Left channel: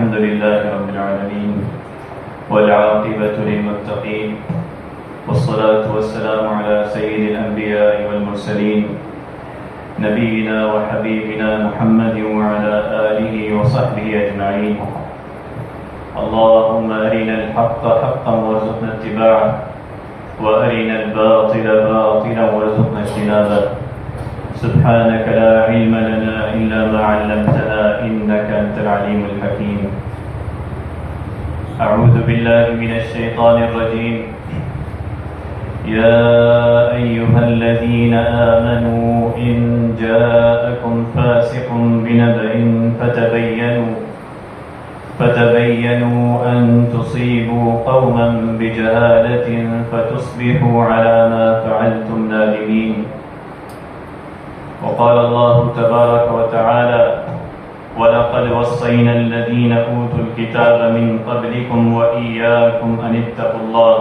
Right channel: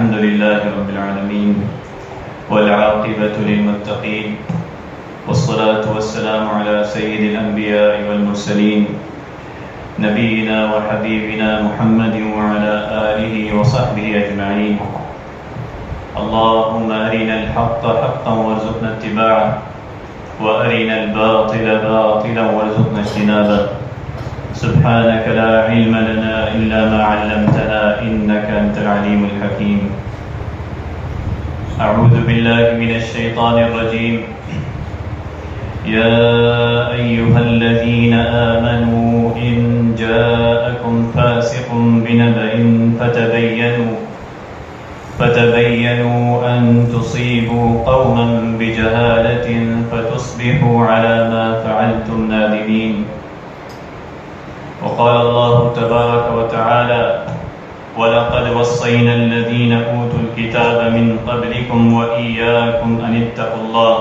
الحمد لله رب العالمين والعاقبة للمتقين والصلاة والسلام على سيد الأنبياء والمرسلين نبينا وحبيبنا محمد وعلى آله وصحبه أجمعين. اللهم أرنا الحق حقا وارزقنا اتباعه وأرنا الباطل باطلا وارزقنا اجتنابه. سبحانك لا علم لنا إلا ما علمتنا إنك أنت العليم الحكيم. أعوذ بالله من الشيطان الرجيم. يا أيها الذين آمنوا إن جاءكم فاسق بنبأ فتبينوا أن تصيبوا قوما بجهالة فتصبحوا على ما فعلتم نادمين. وقال الله تبارك وتعالى: وَلَقَدْ وَصَّيْنَا الَّذِينَ أُوتُوا الْكِتَابَ مِنْ قَبْلِكُمْ وَإِيَّاكُمْ أَنِ اتَّقُوا اللَّهَ.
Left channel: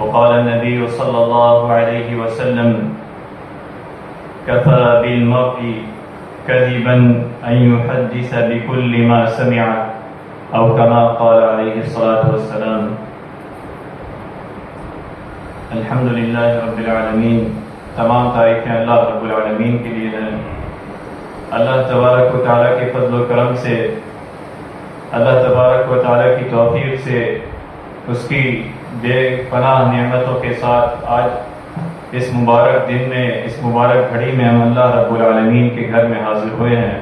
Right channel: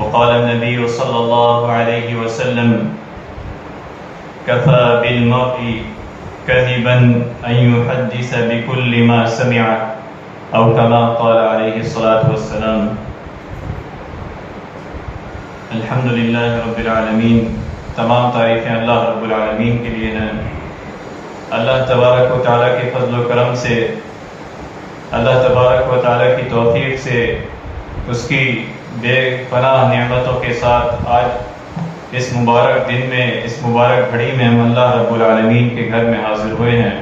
وقال النبي صلى الله عليه وسلم: كفى بالمرء كذبا أن يحدث بكل ما سمع، أو كما قال عليه الصلاة والسلام. الحمد لله رب العالمین. تمام تعریفیں اللہ رب العالمین کے لیے ہیں. اللہ تبارک و تعالیٰ کے فضل و کرم سے، اللہ تبارک و تعالیٰ کی توفیق سے، اس کی بے پناہ نعمتوں کے ساتھ آج اس مبارک دن میں، اس مبارک گھڑی میں ہم اللہ رب العالمین کے گھر میں حاضر ہوئے ہیں.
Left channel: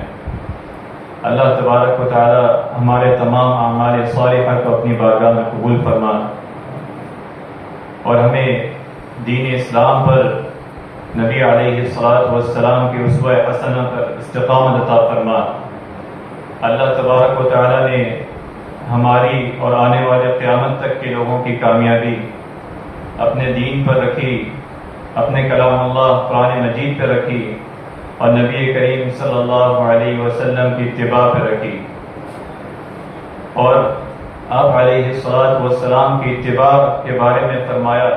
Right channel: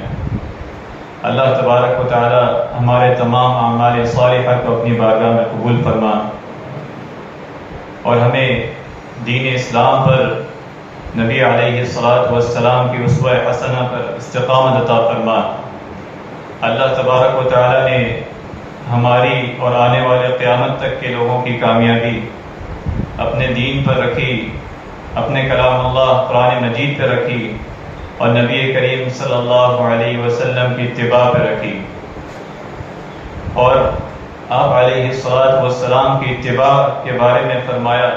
اللہ تبارک و تعالیٰ ہمارے تمام اعمال صالحہ کو اپنی بارگاہ میں قبول فرما اور ہمیں دین اسلام پر، نبی علیہ الصلاۃ والسلام کی اسوہ حسنہ پر استقامت عطا فرما. اللہ تبارک و تعالیٰ نے ہماری اور آنے والے قیامت تک کے لوگوں کی کامیابی اپنے دین پر رکھی، اپنے کلام اللہ قرآن مجید پر رکھی اور نبی کریم صلی اللہ علیہ وسلم کی اتباع پر رکھی. اور آپ علیہ الصلاۃ والسلام کی اتباع کے بارے میں فرمایا:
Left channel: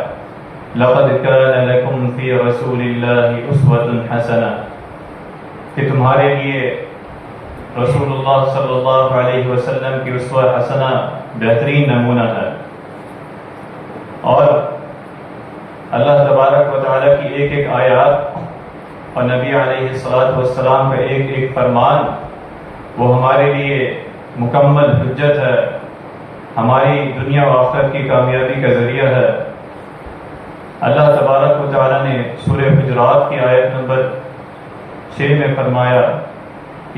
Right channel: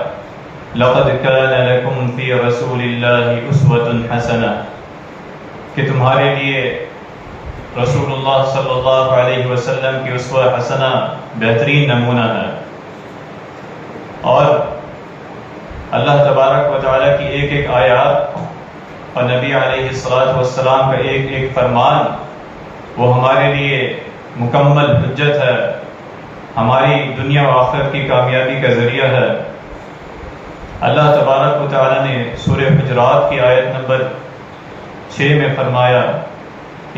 لَقَدْ كَانَ لَكُمْ فِي رَسُولِ اللَّهِ أُسْوَةٌ حَسَنَةٌ، کہ تمہارے لیے رسول اللہ صلی اللہ علیہ وسلم کی اسوہ حسنہ بہترین نمونہ ہے. اور اللہ تبارک و تعالیٰ کی ایک ایک آیات اور نبی علیہ الصلاۃ والسلام کا ایک ایک فرمان وہ ہمارے لیے مکمل حجت ہے، ہماری دنیا و آخرت کی کامیابی کا ذریعہ ہے. اللہ تبارک و تعالیٰ نے سورہ حجرات کی آیت نمبر 6 میں فرمایا:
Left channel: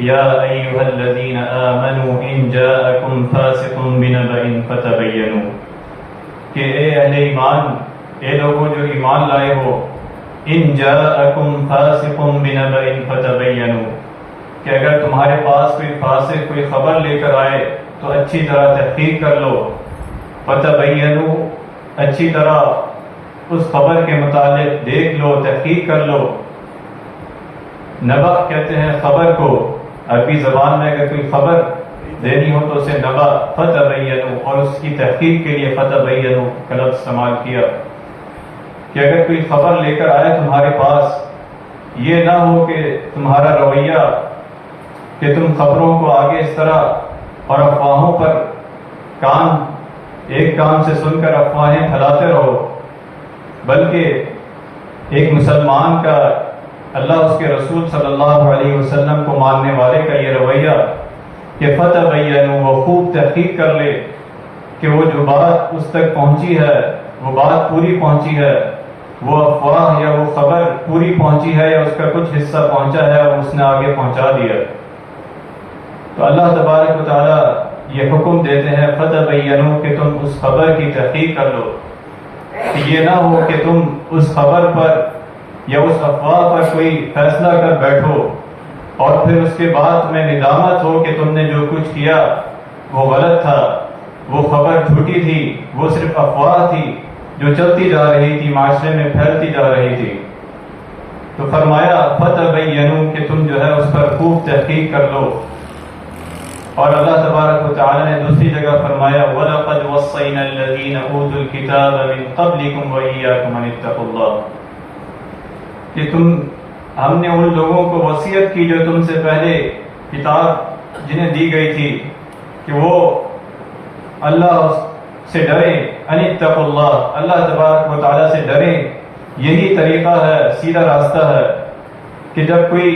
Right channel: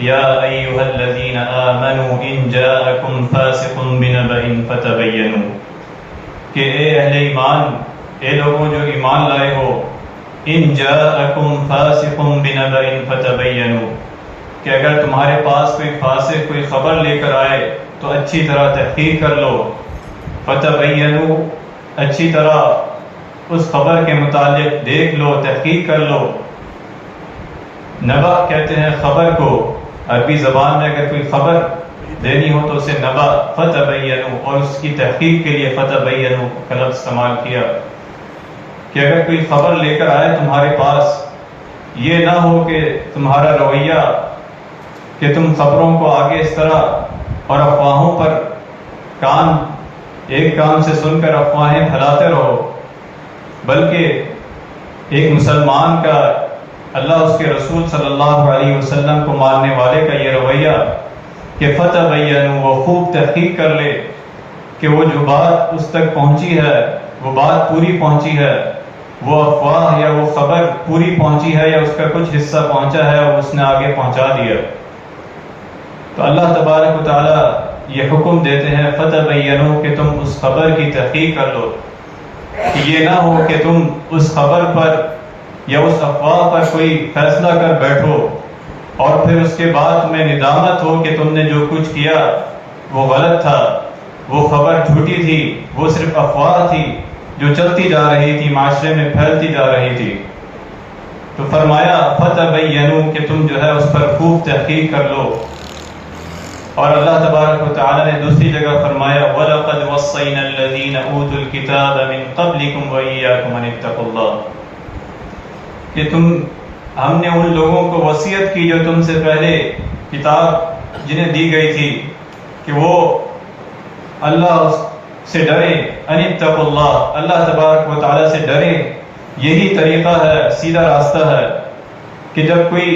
یا ایھا الذین آمنوا ان جاءکم فاسق بنبأ فتبینوا، کہ اے اہل ایمان، اے لوگوں جو ایمان لائے ہو، ان جاءکم فاسق بنبأ فتبینوا، کہ اگر تمہارے پاس کوئی فاسق کوئی خبر لے کر آئے تو اچھی طرح تحقیق کر لو. فتبینوا، اچھی طرح اس خبر کے متعلق دیکھ لو، تحقیق کر لو. نبأ کہتے ہیں خبر کو، عربی زبان میں اگر کوئی خبر دینی ہو تو اسے نبأ، فتبینوا، اور اس کی تحقیق کے لیے فتبینوا کا لفظ استعمال کیا. کہ اگر کوئی خبر لے کر آئے تمہارے پاس، یہ نہ ہو کہ تمہارا رویہ کہ تم خبروں کو آگے اس طرح اور افواہوں پر ایک کان سے سن کر افواہیں پھیلاتے رہو، بلکہ ایک مسلمان کا اللہ اس کے رسول صلی اللہ علیہ وسلم کو ماننے والے کا یہ رویہ کہ فتبینوا، وہ خوب تحقیق کر لے کہ وہ جو بات اس تک پہنچی ہے وہ بات پوری پہنچی ہے، وہ افواہ یا وہ خبر پوری پہنچی ہے یا اس کا کچھ حصہ پہنچا ہے اور اس نے آگے پہنچا دیا. تو اللہ تبارک و تعالیٰ یہ حکم دیتے ہیں فتبینوا کہ تم اس خبر کی تحقیق کر لو، کہ یہ نہ ہو کہ تم اس خبر پر یا اس افواہ پر کوئی فیصلہ کر بیٹھو اور پھر اس کے بعد میں ندامت ہو کہ تم نے جو کچھ کیا وہ غلط تھا، وہ خبر جھوٹی تھی، وہ صرف افواہ تھی جو چلتی جا رہی تھی، معاشرے میں پھیلتی جا رہی تھی. تو فرمایا فتبینوا کہ تم جو ہے اس پر خوب تحقیق کر لو. اور اللہ تبارک و تعالی نے دوسری جگہ فرمایا وَلَقَدْ وَصَّيْنَا الَّذِينَ أُوتُوا الْكِتَابَ مِنْ قَبْلِكُمْ وَإِيَّاكُمْ أَنِ اتَّقُوا اللَّهَ، کہ ہم نے ان لوگوں کو وصیت کی جو تم سے پہلے کتاب جنہیں دی گئی تھی کہ وہ اللہ سے ڈرے، ان اتقوا اللہ، اللہ تبارک و تعالیٰ سے ڈرے. یہی طریقہ ہے، سیدھا راستہ ہے کہ جب کوئی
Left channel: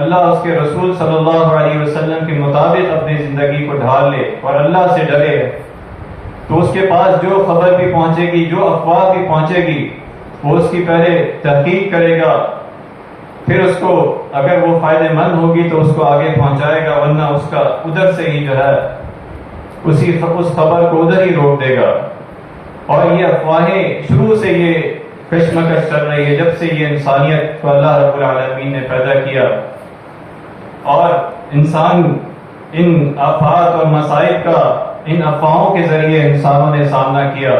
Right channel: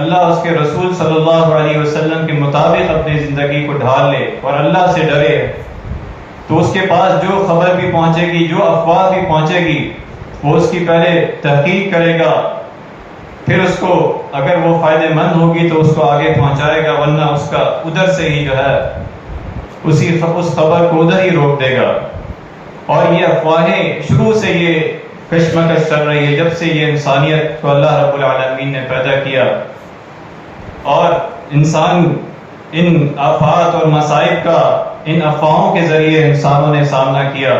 اللہ اس کے رسول صلی اللہ علیہ وسلم کے مطابق اپنی زندگی کو ڈھال لے اور اللہ سے ڈرے، تو اس کے پاس جو خبر بھی پہنچے گی، جو افواہ بھی پہنچے گی، وہ اس کی پہلے تحقیق کرے گا، پھر اس کو اگر وہ فائدہ مند ہوگی تو اس کو آگے پہنچائے گا، ورنہ اس کا ادھر سے ہی جو ہے اس خبر کو ادھر ہی روک دے گا. اور یہ افواہیں شروع سے یہ کشمکش چل رہی ہے جب سے یہ انسانیت کو اللہ رب العالمین نے پیدا کیا، اور انسان ان آفات اور مصائب کا ان افواہوں کے ذریعے انسانوں نے سامنا کیا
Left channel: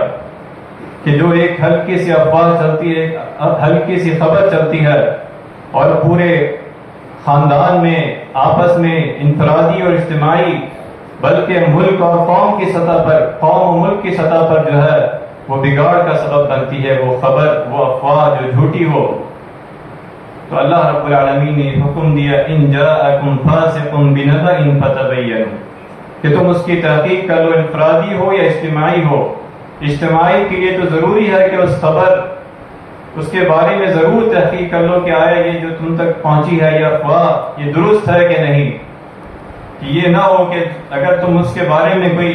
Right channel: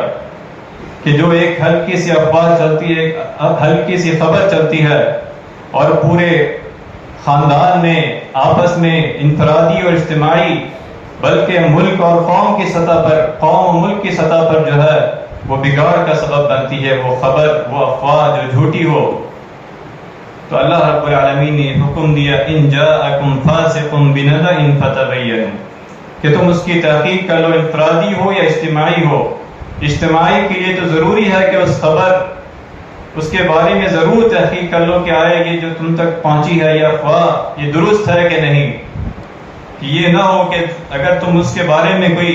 کہ جو ایک ہلکی سی افواہ چلتی ہے، ہلکی سی خبر چلتی ہے، اور پورے خاندان میں آپس میں انفرادی اور اجتماعی بلکہ ملک اور قوم کی سطح پر، قوم و ملک کی سطح پر جو ہے وہ بگاڑ کا سبب بنتی ہے، وہ خبر، وہ افواہ جو جھوٹی ہو. تو اللہ رب العالمین نے حکم دیا ان جاءکم فاسق بنبأ فتبینوا کہ تم اس کی تحقیق کر لو، انفرادی ہو یا اجتماعی ہو. اجتماعی کے لیے تو ضروری ہے کہ اس خبر، اس کے بارے میں ضرور تحقیق کر لو کہ آیا یہ جو تم تک پہنچی ہے یہ افواہ یہ درست ہے کہ نہیں. کہ یہ نہ ہو کہ اگر تم اس کے بارے میں کوئی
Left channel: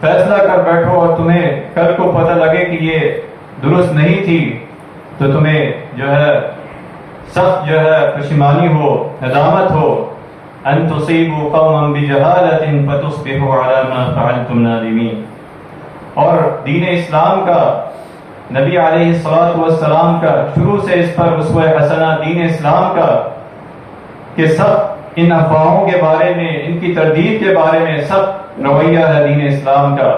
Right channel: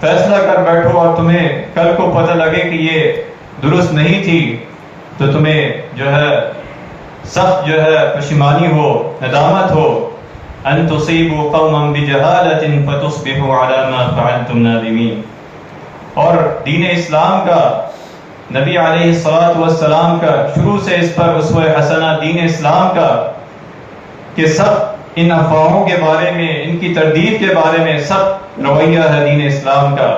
فیصلہ کر بیٹھو اور تمہیں کل کو پتہ لگے کہ یہ درست نہیں تھی تو تمہیں جو ہے سخت جو ہے پشیمانی ہو، ندامت ہو. ان تصیبوا قوما بجہالۃ فتصبحوا علی ما فعلتم نادمین. اور دین اسلام کا، نبی علیہ الصلوۃ والسلام کا شروع سے اس پر اسوہ حسنہ دین اسلام کا کہ سب ان افواہوں کے بارے میں، ان کی تردید کے بارے میں سب رویہ ہے دین اسلام کا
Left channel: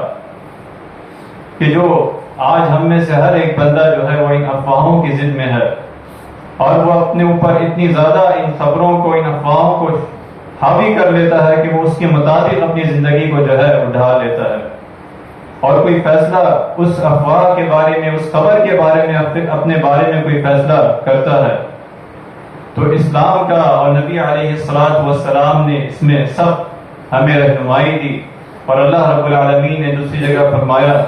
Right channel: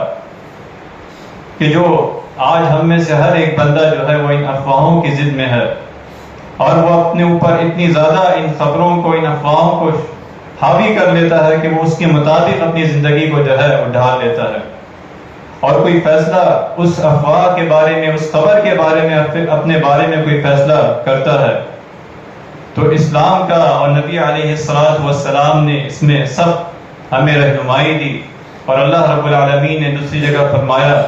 کہ جو آج ہم میں سے ہر ایک بندہ جو ہے وہ ان افواہوں کی ضد میں ہے، اور وہ اپنے اوپر اتنی زیادہ ان خبروں کو، ان افواہوں کو حاوی کر لیتا ہے کہ وہ اس کے مطابق اپنی زندگی کو جو ہے ڈھال لیتا ہے، اور کوئی فیصلہ اس افواہ کے بارے میں، اس خبر کے بارے میں، اپنے بارے میں کوئی فیصلہ کرتا ہے. تو اسلام کا اور نبی علیہ الصلوۃ والسلام نے اس میں سب ہمیں رہنمائی دی. اور اللہ رب العالمین نے دوسری جگہ فرمایا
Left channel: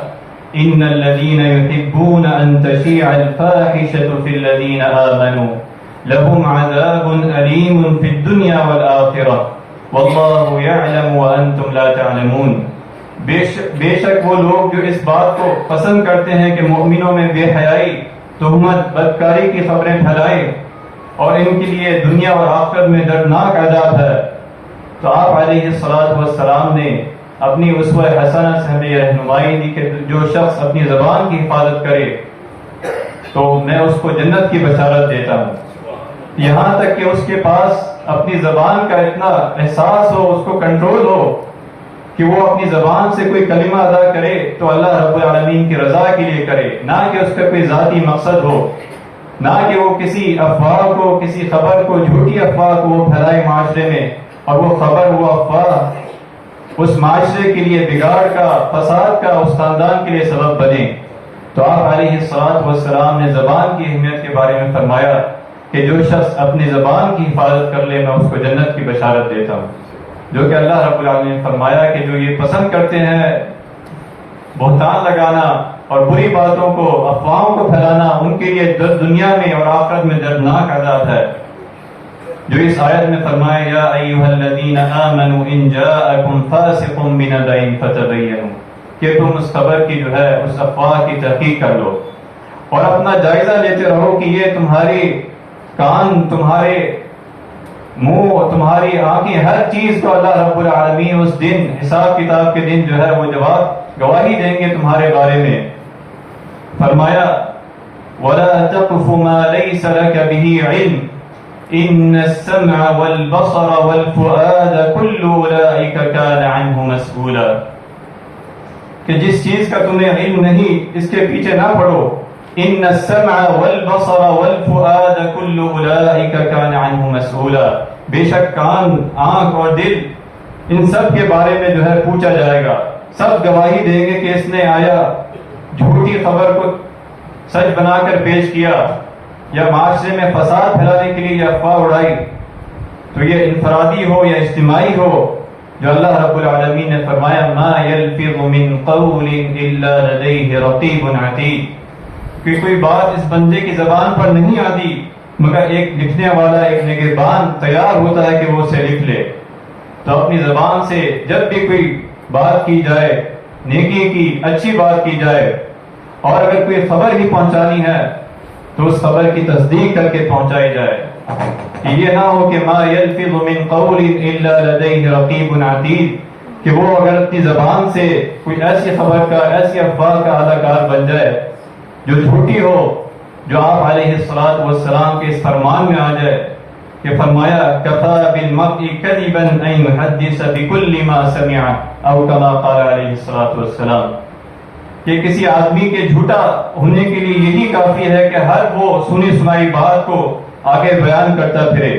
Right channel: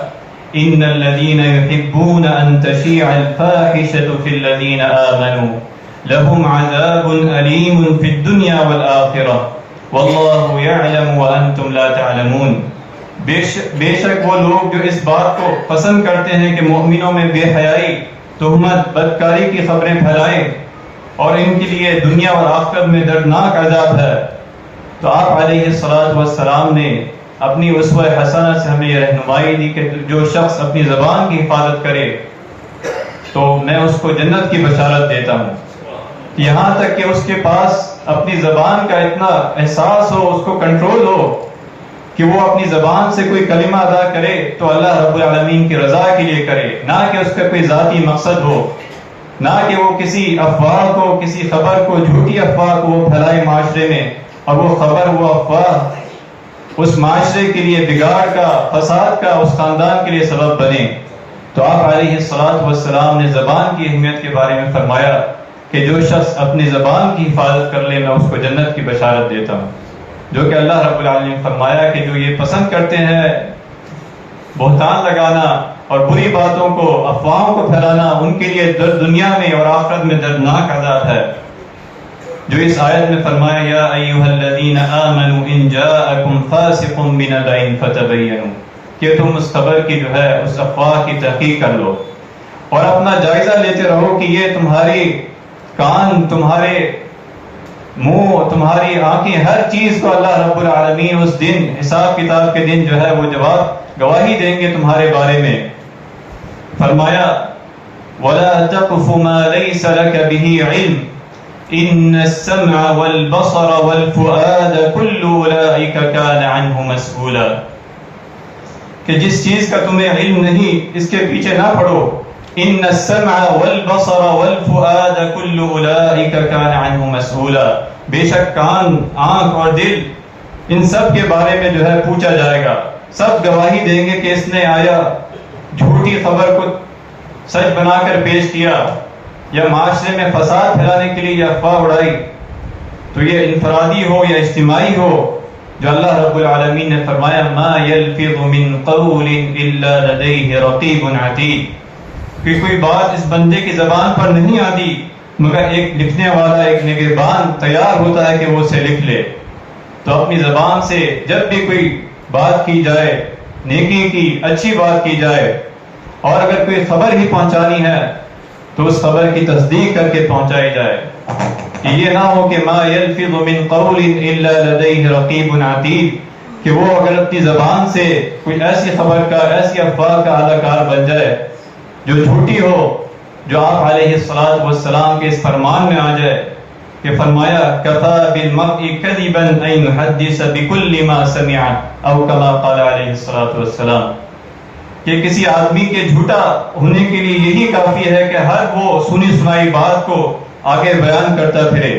ان الذين يحبون ان تشيع الفاحشة في الذين آمنوا لهم عذاب أليم في الدنيا والآخرة والله يعلم وأنتم لا تعلمون. بے شک وہ لوگ جو اس بات کو پسند کرتے ہیں کہ مومنوں میں بے حیائی، تہمت، بدکاری کی خبریں پھیلائیں، اور ان کے لیے دنیا اور آخرت میں دردناک عذاب ہے. تو آپ علیہ الصلوۃ والسلام نے اپنی اسوہ حسنہ سے ہمیں یہ رہنمائی دی کہ جو شخص اپنی زبان کی حفاظت کرے تو میں اس کو جنت کی بشارت دیتا ہوں. یہاں تک کہ اس کے پاس اپنی زبان کا اتنا احساس ہو، اس کو کنٹرول ہو کہ وہ اپنی زبان سے کوئی کلمہ ادا کرے تو اللہ رب العالمین کی رضا کے لیے کرے، نہ کہ اس کا کوئی ذاتی مقصد ہو، نہ کہ وہ کسی افواہ کو، کسی خبر کو، جھوٹی افواہ کو وہ پھیلائے معاشرے میں، اور وہ خبر، وہ افواہ اس معاشرے کے لیے بگاڑ کا، فساد کا، اس خاندان کے لیے سبب بنے. تو آپ علیہ الصلوۃ والسلام نے زبان کی اہمیت کے بارے میں فرمایا کہ جو شخص اپنی زبان کی حفاظت کر لے میں اس کو جنت کی بشارت دیتا ہوں. جو کہ اللہ رب العالمین نے فرمایا کہ جو یہ پسند کرتے ہیں بہتان لگانا اور بری باتوں کو، افواہوں کو پھیلانا، ان کے لیے دنیا میں اور آخرت میں دردناک عذاب ہے. جو اس آیت میں فرمایا یا ایھا الذین آمنوا ان جاءکم فاسق بنبأ فتبینوا کہ تم اس خبر کی جو ہے اس افواہ کی تحقیق کر لو اور اپنا جائزہ لیتے رہو کہ یہ تمہاری کان، تمہارے منہ، تمہاری آنکھیں، ہر چیز کو اللہ رب العالمین اس دن، حساب کتاب کے دن جو ہے وہ جواب گواہی دیں گے تمہارے بارے میں. فرمایا وَلَا تَقْفُ مَا لَيْسَ لَكَ بِهِ عِلْمٌ إِنَّ السَّمْعَ وَالْبَصَرَ وَالْفُؤَادَ كُلُّ أُولَئِكَ كَانَ عَنْهُ مَسْئُولًا کہ جس چیز کا تمہیں علم نہیں اس کے پیچھے نہ پڑو. إِنَّ السَّمْعَ وَالْبَصَرَ وَالْفُؤَادَ كُلُّ أُولَئِكَ كَانَ عَنْهُ مَسْئُولًا بے شک کان، آنکھ اور دل ان سب کے بارے میں جو ہے پوچھا جائے گا. سب گواہی دیں گے کہ اس نے آیا جھوٹی خبر کو سچ بنا کر پیش کیا، یا معاشرے میں فساد پھیلانے کے لیے یہ افواہ اڑائی. تو یہ انفرادی ہو یا اجتماعی ہو، جو اللہ رب العالمین نے فرمایا ما یلفظ من قول الا لدیہ رقیب عتید، کہ کوئی بات اس بندے کی زبان پر نہیں آتی مگر ایک لکھنے والا، ایک نگہبان تیار ہوتا ہے کہ وہ اسے لکھ لے۔ تو اپنی زبان سے جب بھی کوئی بات کی جائے، نیکی کی اچھی بات کی جائے، اور اگر کوئی خبر ہی پہنچانی ہے تو اس خبر کی تصدیق کر کے پہنچائی جائے، کہ یہ نہ ہو کہ ما یلفظ من قول الا لدیہ رقیب عتید، کہ وہ اگر اپنی زبان سے کوئی ایسی خبر کا، ایسی افواہ کا اعلی کار بن جائے جو جھوٹی ہو، جو آپ علیہ السلام کے اس فرمان میں آ جائے کہ فرمایا کفا بالمرء کذبا ان یحدث بکل ما سمع، او کما قال علیہ السلام، کہ کسی آدمی کے جھوٹا ہونے کے لیے یہی کافی ہے کہ ہر وہ سنی سنائی بات کو آگے بیان کرتا پھرے،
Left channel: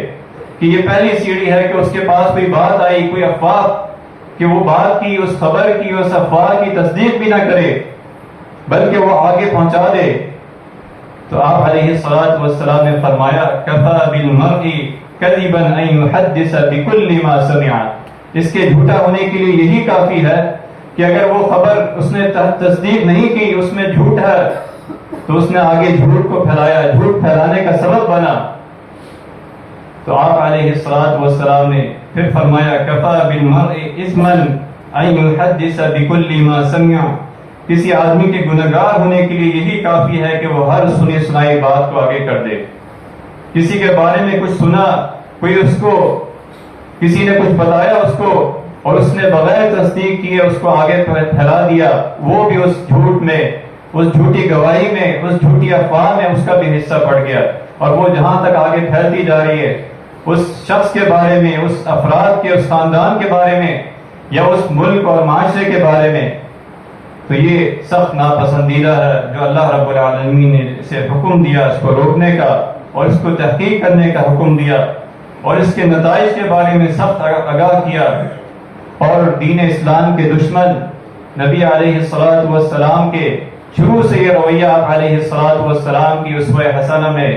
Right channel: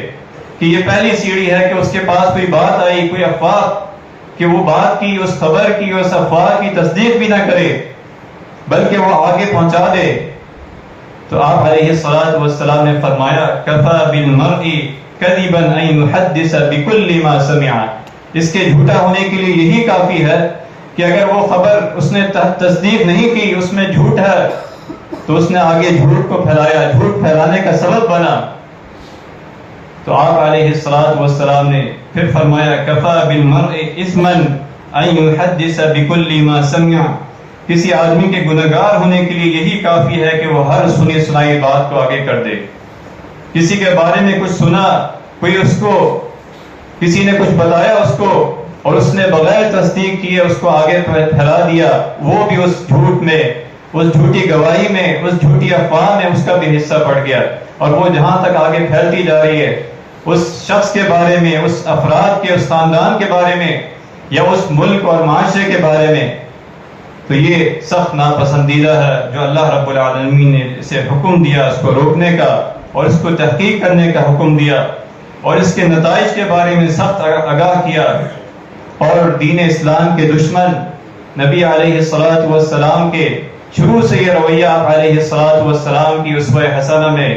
کہ یہ پہلی سیڑھی ہے کہ اس کے پاس کوئی بات آئی، کوئی افواہ، کہ وہ بات کی، اس خبر کی، اس افواہ کی تصدیق بھی نہ کرے بلکہ وہ آگے پہنچا دے۔ تو آپ علیہ السلام نے فرمایا کفا بالمرء کذبا ان یحدث بکل ما سمع، اس کے جھوٹا ہونے کے لیے یہی کافی ہے کہ اگر وہ خبر اس نے تصدیق نہیں کی، اس میں جھوٹ ہے، تو اس نے آگے جھوٹ کو پھیلایا، جھوٹ پھیلانے کا سبب بنا۔ تو آپ علیہ السلام نے پھر فرمایا کفا بالمرء اثما ان یحدث بکل ما سمع، کسی آدمی کے گنہگار ہونے کے لیے یہی کافی ہے کہ وہ ہر سنی سنائی بات کو آگے کر دے۔ کسی کے بارے میں کچھ سنا، کوئی اس کو، کسی نے کچھ بتایا اس کو، اور اس نے بغیر تصدیق کیے اس کو آگے پھیلا دیا، وہ بھی اس جھوٹ میں، اس جھوٹی گواہی میں، اس جھوٹی افواہ میں اس کا بھی حصہ پڑ گیا، اور وہ جہاں تک آگے پھیلتی جا رہی ہے، اس شخص کے بارے میں، اس افراد کے، اس خاندان کے بارے میں، یا اس ملک اور معاشرے کے بارے میں، تو یہ سخت ناپسندیدہ ہے۔ جو اللہ رب العالمین نے اسے حکم دیا اس کو روکنے کا اور اس کو تحقیق کرنے کا حکم دیا، اور اس کے نتائج کے بارے میں سخت آگاہ کیا، اور دین اسلام کے دشمن نبی علیہ السلام کے شروع سے یہ رویہ آپ علیہ السلام کی اسوہ حسنہ میں،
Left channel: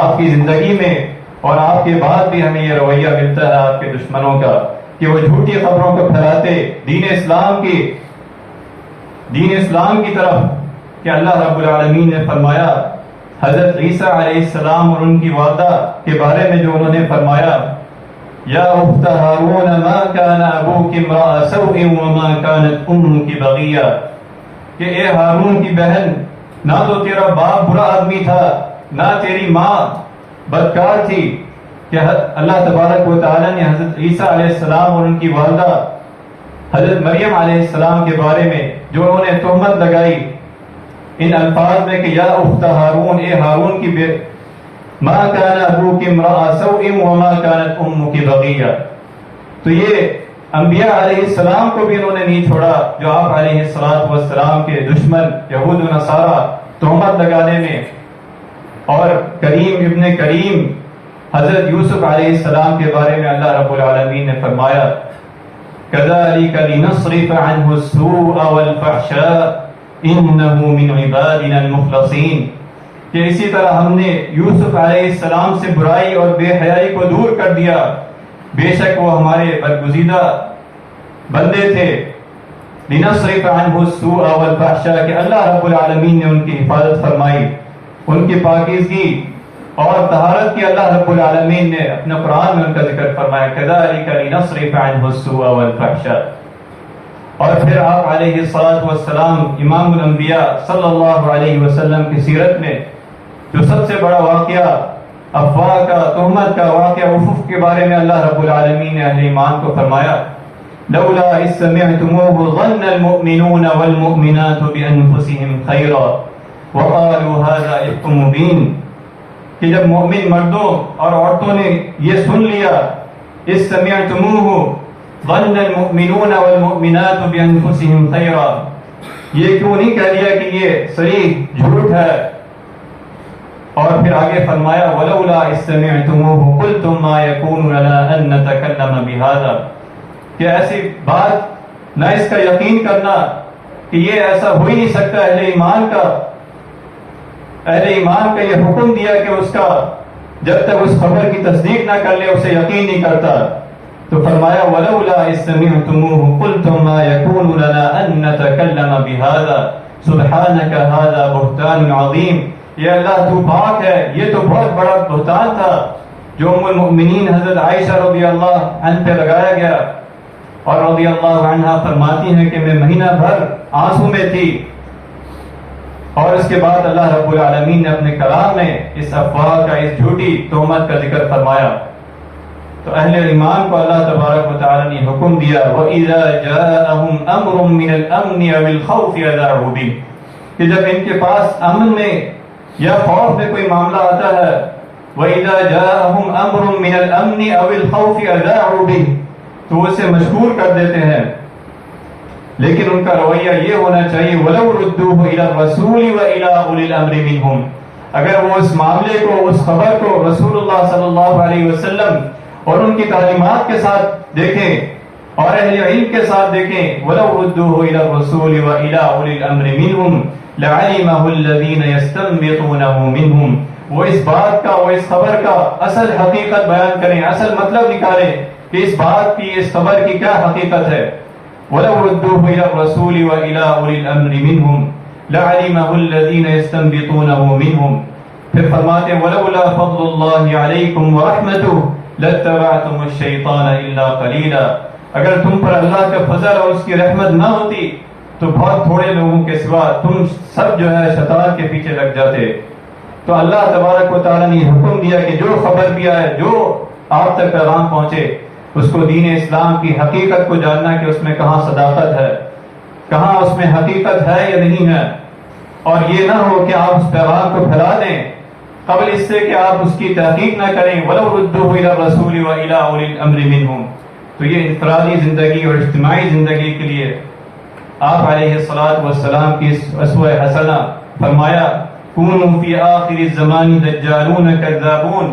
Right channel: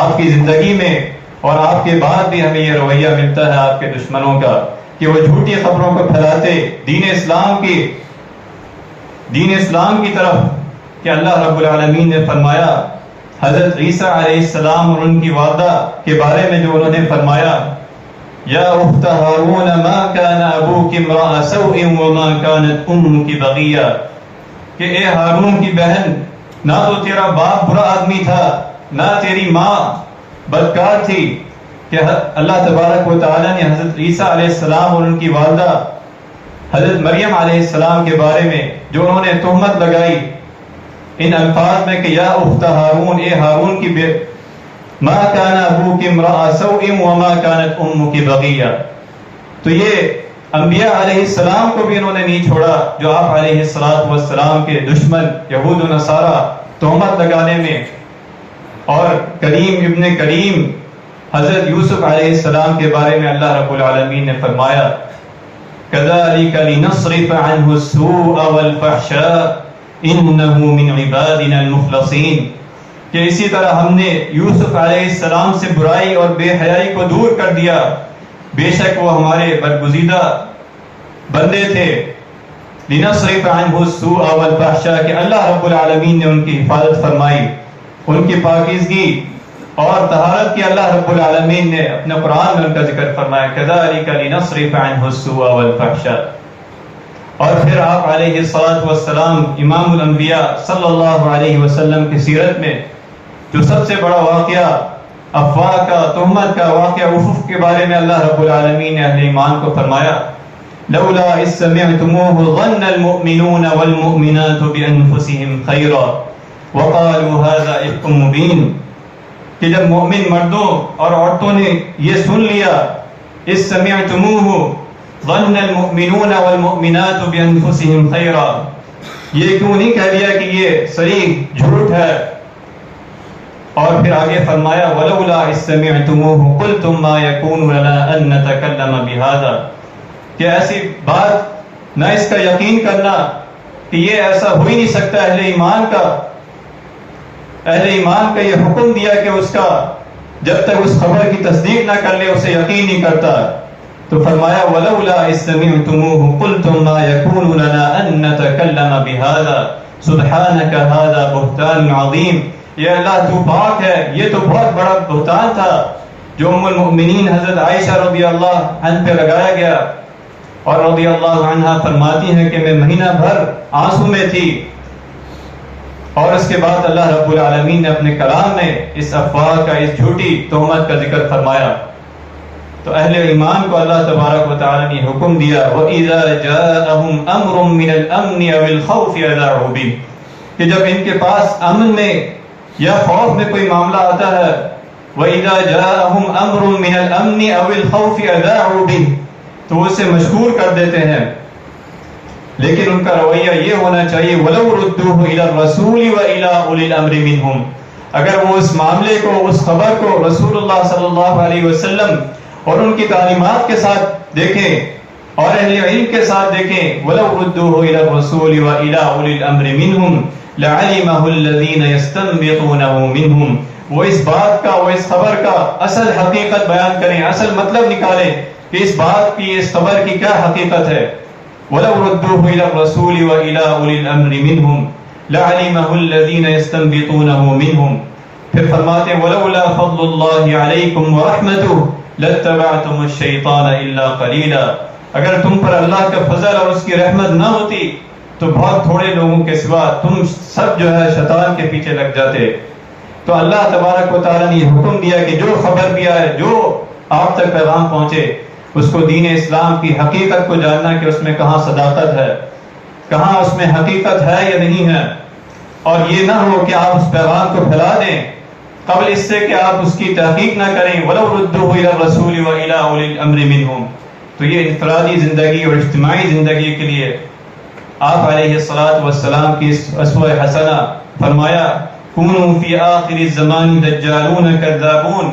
آپ کی زندگی میں، اور آپ کے بعد بھی ہمیں یہ رویہ ملتا ہے آپ کے دشمنوں کا، کہ وہ جھوٹی خبروں کو پھیلاتے دین اسلام کی طرف، کہ اللہ رب العالمین نے فرمایا حضرت عیسیٰ علیہ السلام اور ان کی والدہ کے بارے میں جو انہوں نے فرمایا یا اخت ہارون ما کان ابوک امرأ سوء وما کانت امک بغیہ، کہ اے ہارون کی بہن، نہ تو تیرا باپ برا آدمی تھا، نہ تیری ماں بدکار تھی۔ کہ اللہ تبارک و تعالی نے حضرت عیسیٰ علیہ السلام اور ان کی والدہ حضرت مریم علیہ السلام کے بارے میں جو انہوں نے تہمت لگائی ان الفاظ میں کہ یا اخت ہارون، اے ہارون کی ما کان ابوک امرأ سوء وما کانت امک بغیہ، تو یہ انبیاء علیہ السلام کو بھی انہوں نے نہیں چھوڑا، جو آپ علیہ السلام کے دشمن یہود و نصارہ تہمت لگانے میں، اور کریم ابن کریم حضرت یوسف علیہ السلام کے بارے میں اللہ رب العالمین نے فرمایا كَذَلِكَ لِنَصْرِفَ عَنْهُ السُّوءَ وَالْفَحْشَاءَ إِنَّهُ مِنْ عِبَادِنَا الْمُخْلَصِينَ، کہ اسی طرح ہم نے یوسف علیہ السلام سے برائی اور بے حیائی کو دور کر دیا، بے شک وہ ہمارے برگزیدہ بندے تھے۔ لِنَصْرِفَ عَنْهُ السُّوءَ وَالْفَحْشَاء، کہ اللہ رب العالمین نے ان کی حفاظت فرمائی، ان کی پاکیزگی اور طہارت کی اللہ رب العالمین نے اپنے قرآن میں ان کا ذکر فرمایا كَذَلِكَ لِنَصْرِفَ عَنْهُ السُّوءَ وَالْفَحْشَاءَ۔ اور پھر آپ علیہ السلام امام الانبیاء صلی اللہ علیہ وسلم کی سیرت میں جو سب سے بڑا واقعہ افواہ کا، تہمت کا واقعہ افق کے بارے میں اللہ رب العالمین نے اہل ایمان کو فرمایا لولا اذ سمعتموه ظن المؤمنون والمؤمنات بانفسهم خیرا وقالوا هذا افک مبین، کہ جب مومن مردوں اور عورتوں نے یہ سن لیا اذ سمعتموه ظن المؤمنون والمؤمنات بانفسهم خیرا، یہ کیوں نہیں کہہ دیا کہ یہ صریح جھوٹ ہے، اور پھر آگے فرمایا ولولا اذ سمعتموه قلتم ما يكون لنا ان نتكلم بهذا، کہ ایسی بات نہ اس کا یقین کرنا کہ یہ ایسا ہو ہی نہیں سکتا۔ اہل ایمان کا یہ حکم دیا کہ اس کا جب تک اس خبر کی تصدیق نہ کر لے اسے یقین نہیں کرتا. تو فرمایا وَلَوْلَا إِذْ سَمِعْتُمُوهُ قُلْتُمْ مَا يَكُونُ لَنَا أَن نَّتَكَلَّمَ بِهَذَا سُبْحَانَكَ هَذَا بُهْتَانٌ عَظِيمٌ. یا اللہ تو پاک ہے، یہ تو بہت بڑا بہتان تھا جو ام المؤمنین حضرت عائشہ رضی اللہ عنہ پہ لگایا گیا. اور رضی اللہ عنہ فرماتی ہیں کہ میں مہینہ بھر آنسو میں تھی، اور اس کے بعد اللہ رب العالمین نے اپنے کلام میں اس افواہ کا، اس جھوٹی تہمت کا ذکر فرمایا. تو اہل ایمان کو اللہ تبارک و تعالی نے حکم دیا وَإِذَا جَاءَهُمْ أَمْرٌ مِّنَ الْأَمْنِ أَوِ الْخَوْفِ أَذَاعُوا بِهِ، کہ جب ان کے پاس امن میں یا خوف میں کوئی معاملہ آتا ہے، وَإِذَا جَاءَهُمْ أَمْرٌ مِّنَ الْأَمْنِ أَوِ الْخَوْفِ أَذَاعُوا بِهِ، تو اسے مشکور کر دیتے ہیں. لیکن ان کا رویہ یہ ہونا چاہیے وَلَوْ رُدُّوهُ إِلَى الرَّسُولِ وَإِلَى أُولِي الْأَمْرِ مِنْهُمْ، اگر وہ اس معاملے کو، اس خبر کو رسول اللہ صلی اللہ علیہ وسلم اور ان کی تعلیمات کے ساتھ دیکھیں اور اہل علم کے ساتھ دیکھیں، وَلَوْ رُدُّوهُ إِلَى الرَّسُولِ وَإِلَى أُولِي الْأَمْرِ مِنْهُمْ لَعَلِمَهُ الَّذِينَ يَسْتَنبِطُونَهُ مِنْهُمْ، وہ اس بات کا، وہ اس خبر کا اصل حقیقت بیان کریں، اصل مطلب نکالیں کہ اس بات کی، اس خبر کی کیا حقیقت ہے. وَلَوْ رُدُّوهُ إِلَى الرَّسُولِ وَإِلَى أُولِي الْأَمْرِ مِنْهُمْ لَعَلِمَهُ الَّذِينَ يَسْتَنبِطُونَهُ مِنْهُمْ. پھر فرماتے ہیں وَلَوْلَا فَضْلُ اللَّهِ عَلَيْكُمْ وَرَحْمَتُهُ لَاتَّبَعْتُمُ الشَّيْطَانَ إِلَّا قَلِيلًا، اگر تم پر اللہ کا فضل اور اس کی رحمت نہ ہوتی تو بہت تھوڑے لوگوں کے سوا تم سب جو ہے شیطان کے پیچھے لگ جاتے. تو اللہ تبارک و تعالی نے حکم دیا کہ جو خبر بھی آئے، جو آپ تک پیغام پہنچے، اس کو دین اسلام کی حقیقت کو جاننا کہ اس میں کہاں صداقت ہے، کہاں اس میں حقیقت ہے یا نہیں ہے. اور یہ نہ ہو کہ آپ اس پیغام کو پھیلا دیں قبل اس سے کہ آپ اس کی تحقیق نہ کریں. وَلَوْ رُدُّوهُ إِلَى الرَّسُولِ وَإِلَى أُولِي الْأَمْرِ مِنْهُمْ. تو یہ انفرادی زندگی اور اجتماعی زندگی کے لیے آپ علیہ الصلوۃ والسلام کی اسوہ حسنہ فرمایا كُونُوا فِي آخِرِ الزَّمَانِ دَجَّالُونَ كَذَّابُونَ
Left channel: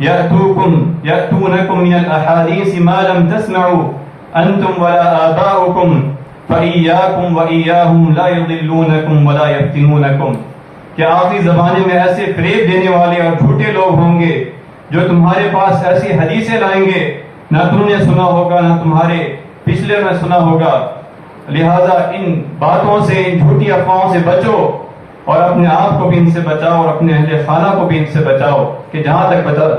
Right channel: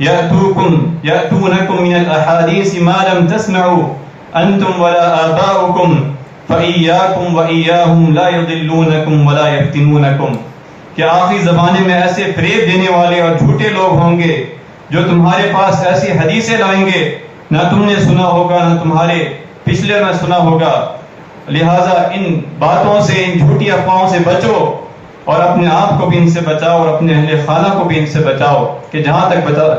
يَأْتُونَكُم مِّنَ الْأَحَادِيثِ مَا لَمْ تَسْمَعُوا أَنْتُمْ وَلَا آبَاؤُكُمْ فَإِيَّاكُمْ وَإِيَّاهُمْ لَا يُضِلُّونَكُمْ وَلَا يَفْتِنُونَكُمْ. کہ آخری زمانے میں ایسے فریب دینے والے اور جھوٹے لوگ ہوں گے جو تمہارے پاس ایسی حدیثیں لائیں گے نہ تم نے سنا ہوگا نہ تمہارے پچھلے میں سنا ہوگا. لہٰذا ان باتوں سے، ان جھوٹی افواہوں سے بچو اور اپنے آپ کو بھی ان سے بچاؤ اور اپنے اہل خانہ کو بھی ان سے بچاؤ کہ جہاں تک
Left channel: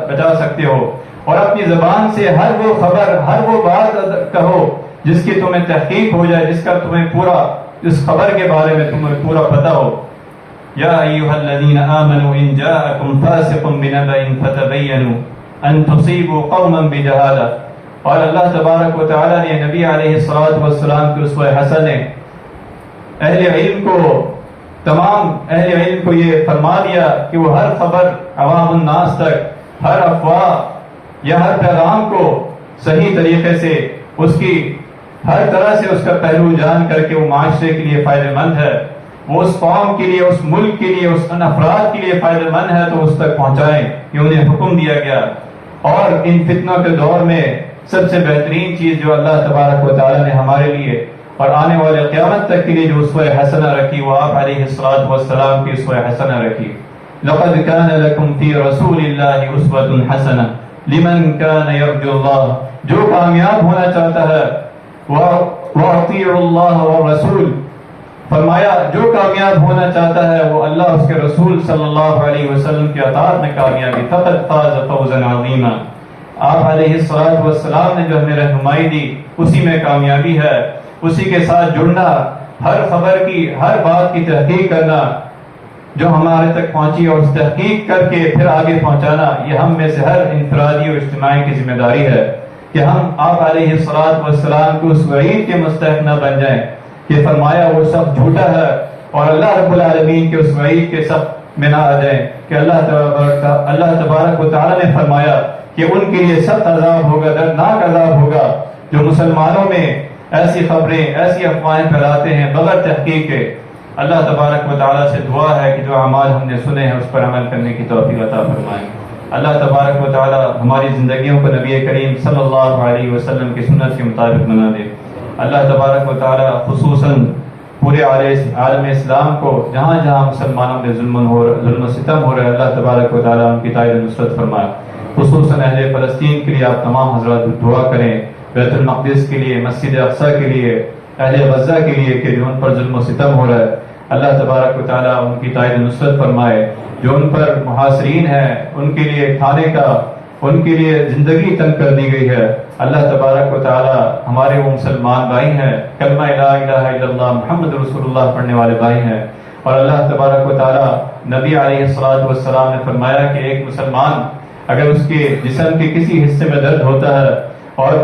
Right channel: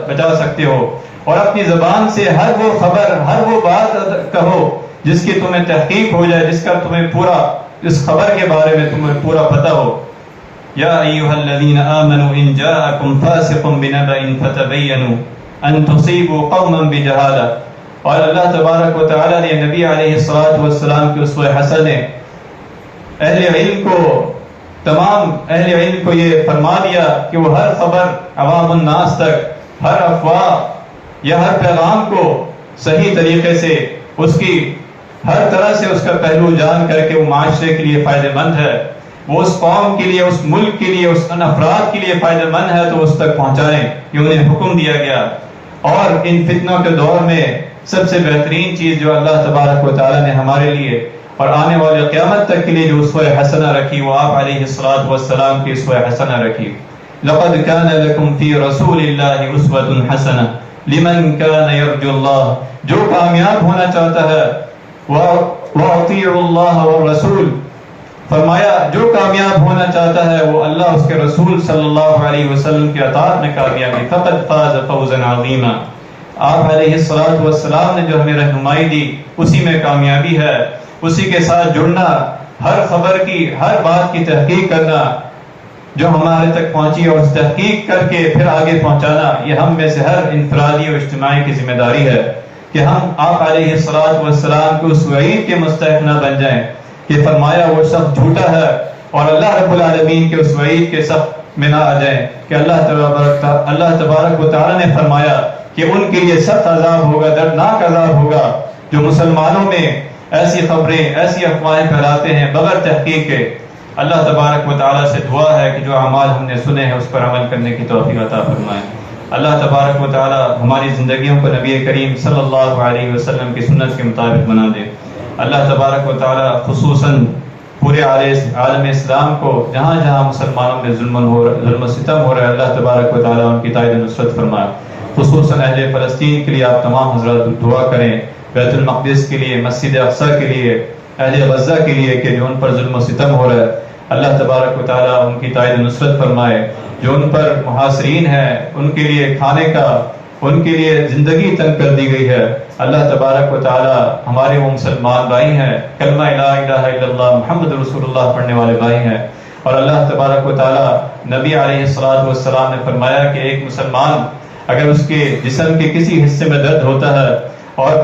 بچا سکتے ہو. اور اپنی زبان سے ہر وہ خبر، ہر وہ بات کہو جس کی تمہیں تحقیق ہو جائے، جس کا تمہیں پورا، اس خبر کے بارے میں تمہیں پورا پتہ ہو. یا ایھا الذین آمنوا ان جاءکم فاسق بنبأ فتبینوا ان تصیبوا قوما بجہالہ. اور اللہ تبارک و تعالی نے نبی علیہ الصلوۃ والسلام کی اسوہ حسنہ اہل علم کو، تمام اہل علم کو یہ فرما دیا کہ وہ ہر خبر عوام الناس تک، ہر افواہ یا ہر پیغام کو صحیح طریقے سے، اس کی ہر طرح سے اس کا پہلو جان کر کے وہ معاشرے کے لیے فائدہ مند ہے، وہ اس قوم کے لیے، اس ملک کے لیے، اس افراد کے لیے فائدہ مند ہے تو اس تک پہنچائیں. یہ انہیں حکم دیا گیا. اور ان فتنوں کے دور میں سب سے بہترین چیز جو اللہ تبارک و تعالی نے ہمارے لیے اور آنے والے قیامت تک کے لیے جو اسوہ حسنہ رکھی، وہ آپ علیہ الصلوۃ والسلام کی اسوہ حسنہ رکھی. لقد كان لكم في رسول الله اسوة حسنة لمن كان يرجو الله. جو کامیاب ہونا چاہتا ہے وَأَطِيعُوا اللَّهَ وَالرَّسُولَ، فرمایا جو کامیاب ہونا چاہتا ہے وہ اللہ، اس کے رسول صلی اللہ علیہ وسلم کی اطاعت میں کامیابی. فقد فاز فوزا عظیما. آپ علیہ الصلوۃ والسلام نے جو ہمیں رہنمائی دی اسی میں کامیابی ہے. اسی کے ساتھ جڑنا، ہر خبر کی، ہر بات کی تحقیق کرنا جو ہمارے تک پہنچی اور اس تحقیق کر کے پھر آگے پہنچانا، یہ ہم میں سے ہر انفرادی اور اجتماعی کی ذمہ داری ہے کہ ہم آپ علیہ الصلوۃ والسلام کو اس وعید کے مستحق نہ بن جائیں کہ فرمایا وہ شخص جھوٹا ہے، اور اللہ رب العالمین کے اس وعید کے سخت میں نہ آ جائیں کہ اللہ تبارک و تعالی نے فرمایا کہ ان کے لیے سخت عذاب ہوگا، دردناک عذاب ہوگا جو مسلمانوں میں ایسی خبریں، ایسی افواہیں پھیلاتے ہیں بغیر تحقیق کے. اللہ تبارک و تعالیٰ سے دعا ہے کہ جو اعمال ہم نے سنے ہیں اس پر عمل کرنے کی توفیق عطا فرمائیں. اللہ تبارک و تعالیٰ ہماری زندگیوں کو نبی کریم صلی اللہ علیہ وسلم کی سنت کے مطابق بنا دے. اللہ تبارک و تعالیٰ خصوصاً پورے عالم اسلام کو جہاں جہاں مسلمانوں میں ظلم و ستم ہو رہا ہے، اللہ تبارک و تعالیٰ ان کی تائید و نصرت فرمائے۔ خصوصاً اہل فلسطین کے لیے آپ تمام حضرات دعا کریں، بیت المقدس کے لیے، مسجد اقصیٰ کے لیے، اہل غزہ کے لیے کہ جو ان پر ظلم و ستم ہو رہا ہے، اللہ تبارک و تعالیٰ ان کی تائید و نصرت فرمائے۔ جو ان پر محاصرین ہیں ان کے لیے کھانے کا، ان کے لیے زندگی تنگ کر دی گئی ہے، اللہ تبارک و تعالیٰ ہمارے وہ مسلمان بھائی ہیں، کلمہ لا الہ الا اللہ محمد رسول اللہ پڑھنے والے بھائی ہیں، اور اللہ تبارک و تعالیٰ نبی علیہ السلام نے فرمایا کہ ایک مسلمان اگر اس کے جسم کے کسی حصے میں درد ہوتا ہے اور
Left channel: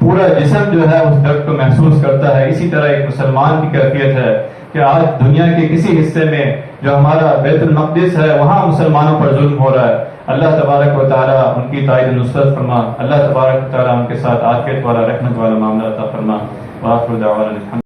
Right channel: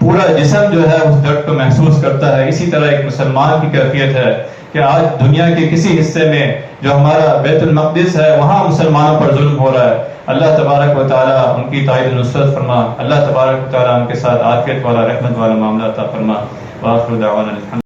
پورا جسم جو ہے اس درد کو محسوس کرتا ہے، اسی طرح ایک مسلمان کی کیفیت ہے کہ آج دنیا کے کسی حصے میں جو ہمارا بیت المقدس ہے وہاں مسلمانوں پر ظلم ہو رہا ہے، اللہ تبارک و تعالیٰ ان کی تائید و نصرت فرما، اللہ تبارک و تعالیٰ ان کے ساتھ عافیت والا رحمت والا معاملہ عطا فرما۔ وآخر دعوانا